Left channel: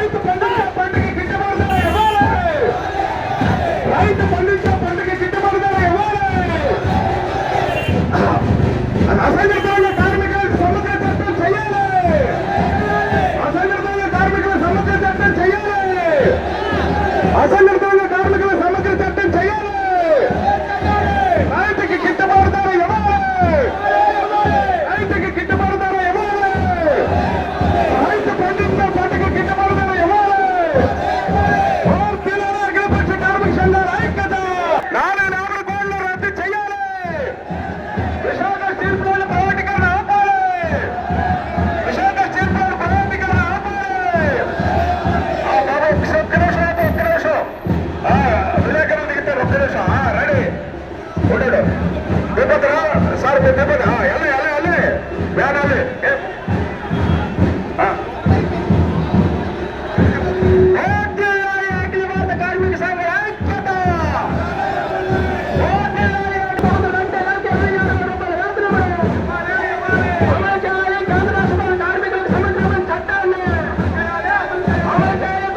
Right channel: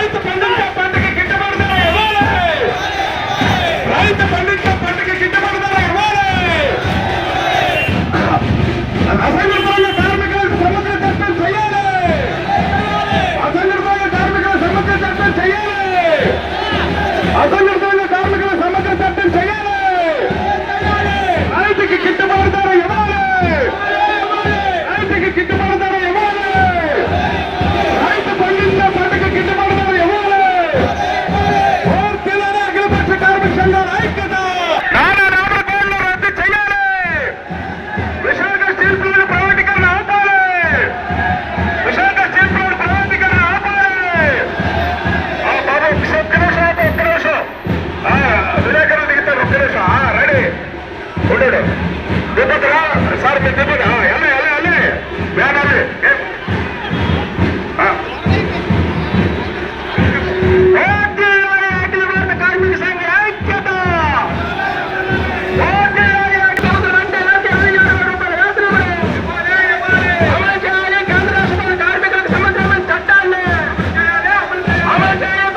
రైతు పండించే పంటకి గిట్టుబాటు రైతు పండించే ನೋಡೋಣ ನಿಮ್ಮತ್ರ ಸರ್ ನಿಮ್ಮದು ಹಾ ಎಲ್ಲ ಎಲ್ಲ ಅಲ್ಲಿ ಬೇಡ ಅಲ್ಲಿ Yeah.